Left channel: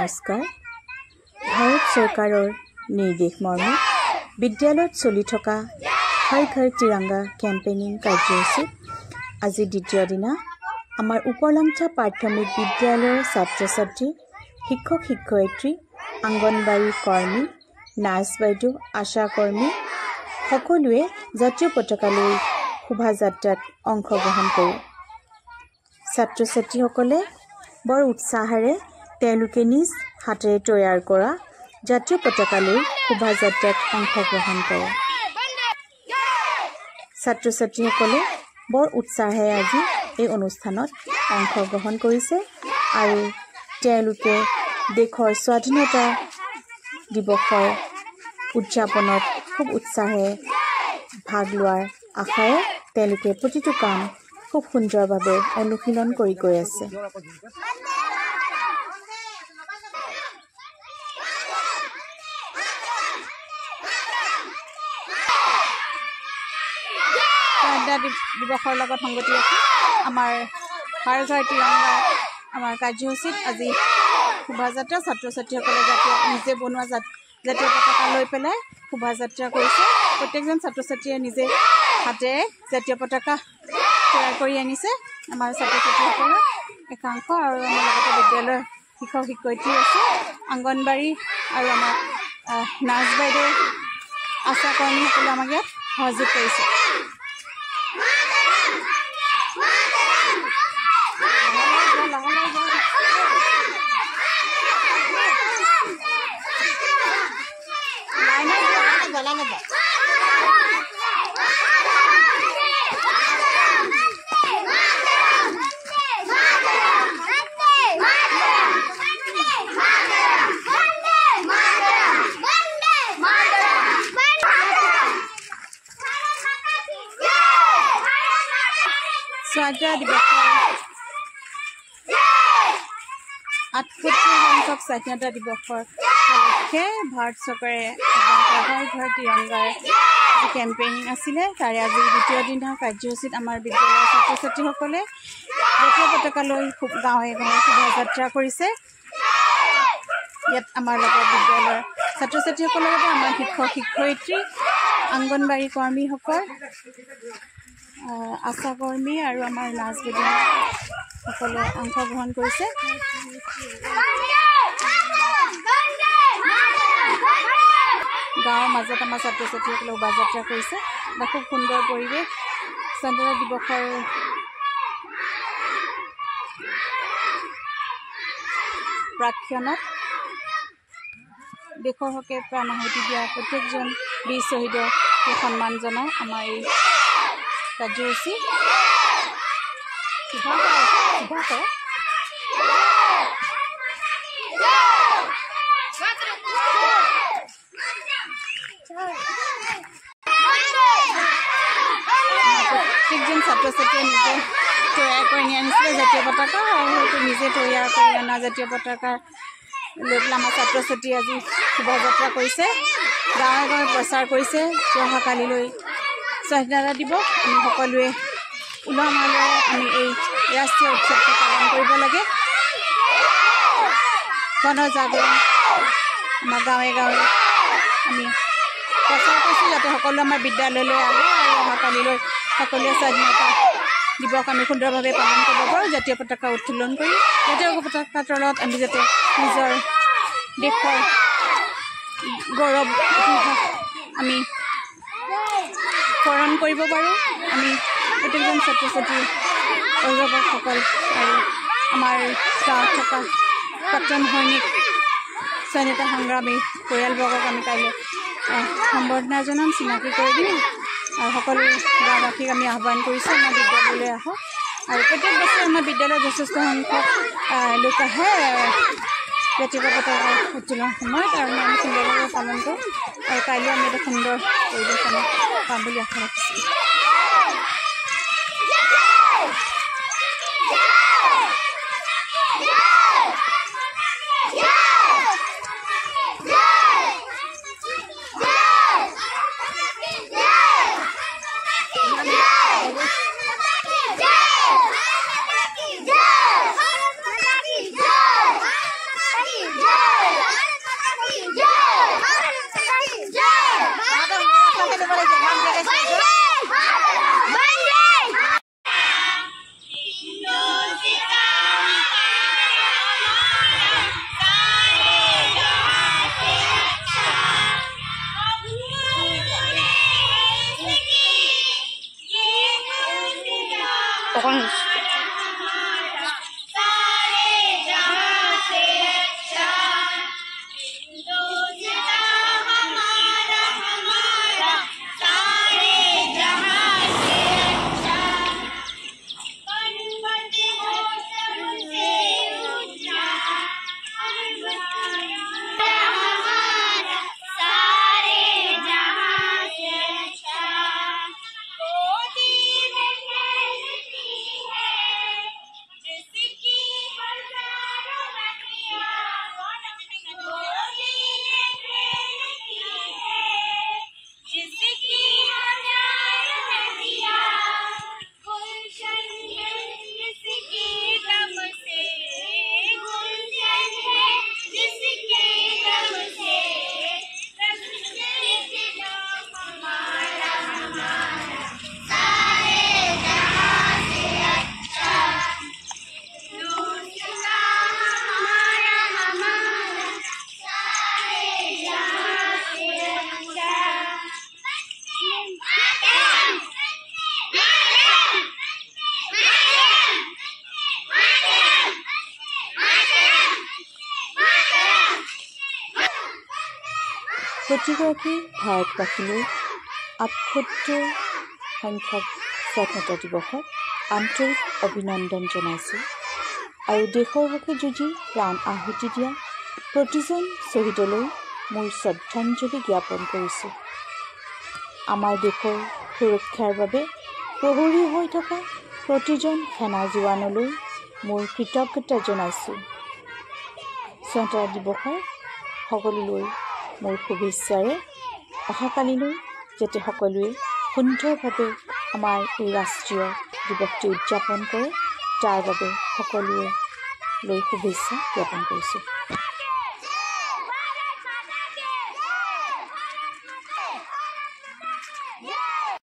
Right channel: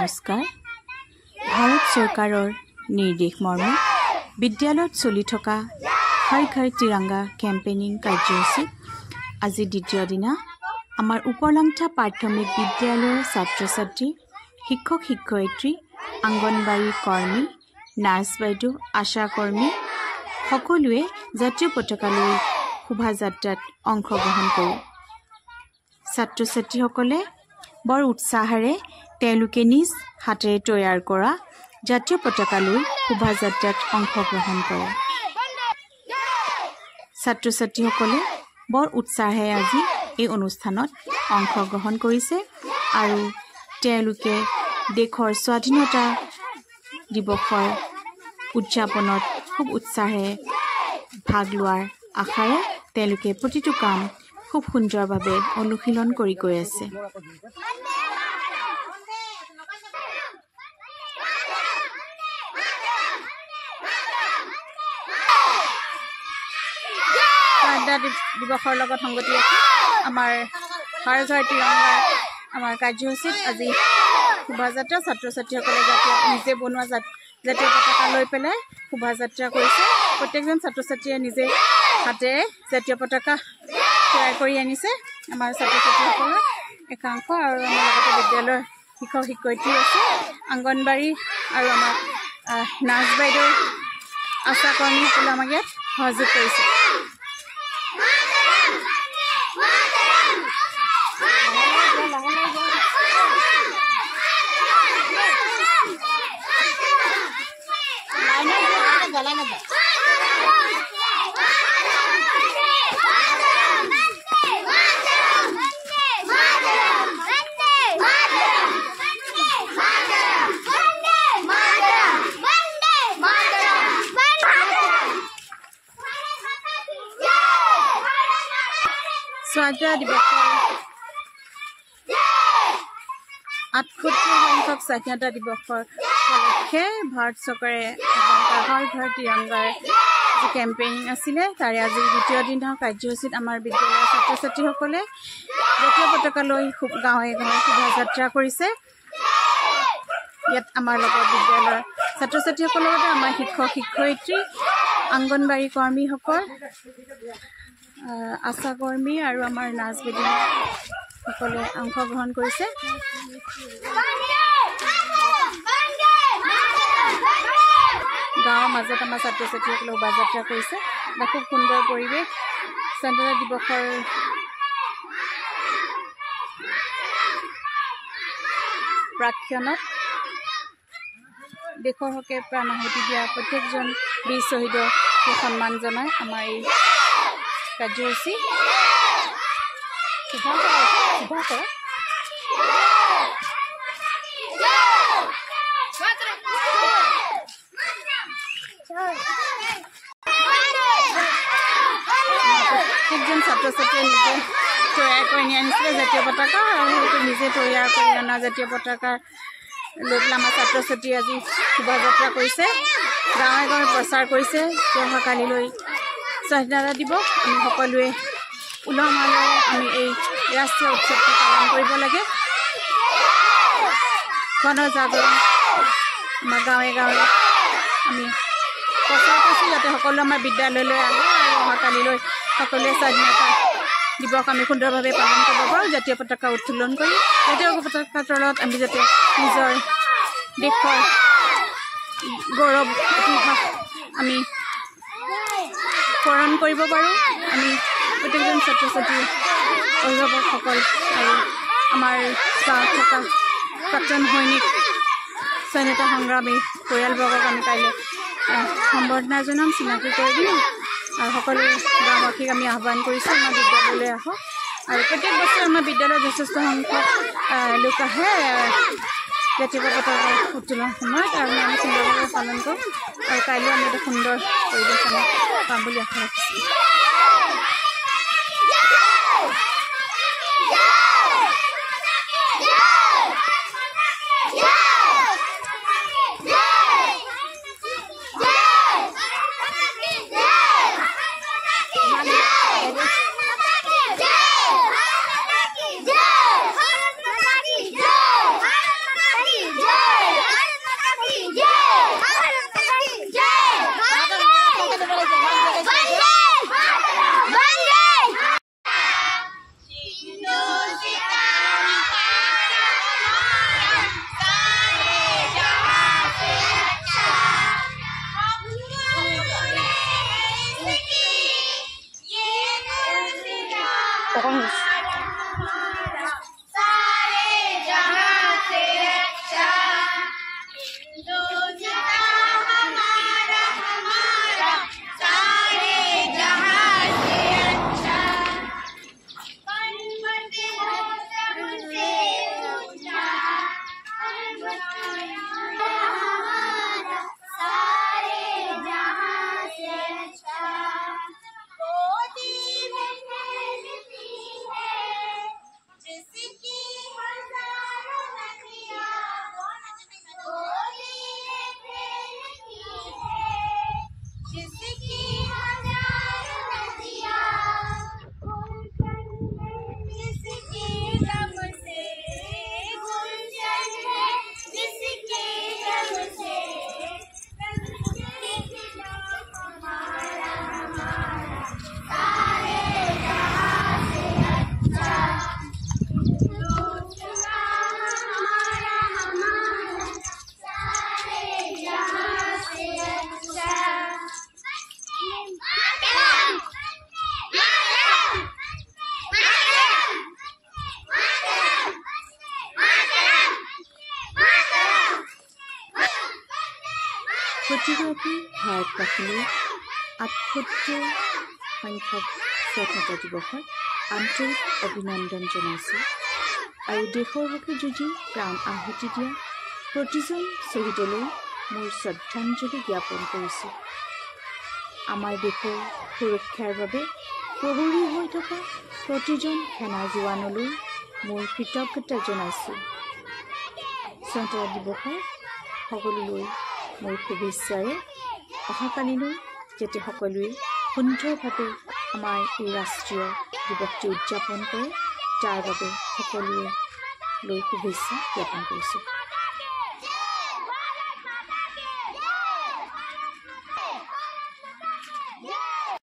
নমস্কাৰ। ভাৰত চৰকাৰৰ নিৰ্দেশ মৰ্মে বিদ্যালয়ত চলি থকা হৰ ঘৰ তিৰংগা কেম্পেইনিং কাৰ্যসূচীত আজি দ্বিতীয় দিনা আমাৰ উপলংঠা প্ৰাথমিক বিদ্যালয়ৰ ছাত্ৰ ছাত্ৰী, শিক্ষক শিক্ষয়িত্ৰী, অংগনবাড়ী কৰ্মী, নাৰ্ছ বাইদেউ, আশা কৰ্মী সকলোৱে জাতীয় পতাকালৈ শোভাযাত্ৰাত অংশগ্ৰহণ কৰে। ছাত্ৰ ছাত্ৰীসকলে বৰ উৎসাহেৰে তেওঁলোকে নিজ হাতেৰে তৈয়াৰ কৰা জাতীয় পতাকালৈ শোভাযাত্ৰাত অংশগ্ৰহণ কৰে। ছাত্ৰ ছাত্ৰীসকলে বৰ উৎসাহেৰে আজি এই অনুষ্ঠানত অংশগ্ৰহণ কৰিছে আৰু তেওঁলোকে দেশৰ স্বাধীনতা দিৱসৰ উদযাপনত খুব উৎসাহেৰে ভাগ লোৱাৰ আশাৰে তেওঁলোকে প্ৰতিটো কাম খুব সুন্দৰভাৱে অনুশীলন কৰি গৈ আছে। দিৱসৰ লগত সংগতি ৰাখি আমাৰ হৰ ঘৰ তিৰংগা আমাৰ কাৰ্যসূচীত আজি শোভাযাত্ৰা ছাত্ৰ ছাত্ৰীসকলে নিজে বনোৱা জাতীয় পতাকা লৈ পেলাই শোভাযাত্ৰা কৰিছে। প্ৰত্যেকজন ছাত্ৰ ছাত্ৰীয়ে নিজে হাতেৰে জাতীয় পতাকা তৈয়াৰ কৰি আনিছে। আমাৰ ছাত্ৰ ছাত্ৰীসকলৰ একাংশ আৰু আমাৰ লগতে বিদ্যালয়ৰ শিক্ষক শিক্ষয়িত্ৰী আছে, অংগনবাড়ী আৰু আমাৰ নাৰ্ছ বাইদেউ, আশা কৰ্মীসকলে আমাক ইয়াত সহযোগ কৰিছে। স্বাধীনতা দিৱসৰ ৭৮ সংখ্যক স্বাধীনতা দিৱসৰ উপলক্ষে ভাৰত চৰকাৰে হৰ ঘৰ তিৰংগাৰ যি কেম্পেইনিং আছিলে তাৰে আজি দ্বিতীয় দিনৰ কাৰ্যসূচীত আমাৰ বিদ্যালয়ৰ ছাত্ৰ ছাত্ৰীসকলে জাতীয় পতাকালৈ গাঁৱে গাঁৱে শোভাযাত্ৰা কৰিছে। ইয়াত আমাৰ লগত বিদ্যালয়ৰ ছাত্ৰ ছাত্ৰীসকলৰ লগতে আমাৰ শিক্ষক শিক্ষয়িত্ৰী, অংগনবাড়ী কৰ্মীসকল, আশা কৰ্মী আৰু আমাৰ নাৰ্ছ বাইদেউসকলে অংশগ্ৰহণ কৰিছে। গাঁৱৰ মাজত আমাৰ ছাত্ৰ ছাত্ৰীসকলে শোভাযাত্ৰা কৰিছে বা খুব সুন্দৰ পৰিৱেশ। স্বাধীনতা দিৱসৰ প্ৰাক্ষণত দেশৰ হকে প্ৰাণ আহুতি দিয়া প্ৰত্যেকজন বীৰ শ্বহীদক সন্মান জনাই আমাৰ এই কাৰ্যসূচী প্ৰত্যেকজন ছাত্ৰ ছাত্ৰীয়ে নিজে তৈয়াৰ কৰি আনিছিলে জাতীয় পতাকা আৰু সেইটো নিজে তৈয়াৰ কৰি অনা জাতীয় পতাকা লৈ পেলাই আমাৰ ছাত্ৰ ছাত্ৰী আজি শোভাযাত্ৰা কৰিছে, গাঁৱে গাঁৱে প্ৰচাৰ কৰিছে যে অহাকালিলৈ স্বাধীনতা দিৱস আমি সকলোৱে উলহ মালহেৰে আমি এই ৰাষ্ট্ৰীয় উৎসৱটো পালন কৰিব লাগে। গণজাগৰণ আমাৰ গাঁৱে গাঁৱে আমি প্ৰচাৰ কৰিছোঁ যাতে সকলোৱে আমাৰ বিদ্যালয়লৈ আহে আৰু অহাকালিলৈ সকলোৱে স্বাধীনতা দিৱস আমি সুন্দৰভাৱে পালন কৰিব পাৰোঁ। জাতীয় পতাকা উত্তোলন কৰি জাতীয় পতাকাৰ তলত আমি যাতে নিজৰ দেশৰ গৌৰৱ ইতিহাস আমি স্মৰণ কৰিব পাৰোঁ। আমি প্ৰত্যেকজন ছাত্ৰ ছাত্ৰী, অভিভাৱকসকল আৰু আমাৰ গাঁৱত থকা প্ৰাক্তন সৈনিক, স্বাধীনতা সংগ্ৰামী পৰিয়ালবৰ্গক আমি কাইলৈ সম্বৰ্ধনা জনাম, চিনাকি কৰি দিম আৰু সকলো গাঁওবাসীক আমি আহ্বান কৰিছোঁ আমাৰ বিদ্যালয়লৈ আহক। আৰু প্ৰত্যেক বছৰে আমাৰ বিদ্যালয়ত যথেষ্ট সংখ্যক লোক আহে জাতীয় পতাকা উত্তোলনৰ সময়ত আৰু আমি সুন্দৰভাৱে পালন কৰোঁ আৰু কাইলৈ আমি এটা সুন্দৰ পৰিৱেশ আমি পাম বুলি আশা ৰাখিছোঁ। Jai! জ্ঞাপন কৰিছোঁ। প্ৰতিগৰাকী ভাৰতবাসীলৈ ৭৮ সংখ্যক স্বাধীনতা দিৱসত আন্তৰিক অভিনন্দন জনাইছোঁ আৰু দেশৰ হকে যুঁজি প্ৰাণ আহুতি দিয়া প্ৰতিজন শ্বহীদলৈ মোৰ শ্ৰদ্ধাঞ্জলি জ্ঞাপন কৰিছোঁ। আমাৰ দেশৰ সুৰক্ষাৰ বাবে প্ৰহৰী হৈ থকা প্ৰতিজন সেনা জোৱানলৈ মোৰ কৃতজ্ঞতা জনাইছোঁ। স্বাধীনতা দিৱসৰ সকলোলৈ মোৰ শুভেচ্ছাৰে অহাকালিলৈ যাতে সকলোৱে সুন্দৰভাৱে আমাৰ এই ৰাষ্ট্ৰীয় দিৱসটি উদযাপন কৰে তাৰ বাবে সকলোৱে লৈ শুভেচ্ছা জ্ঞাপন কৰিছোঁ।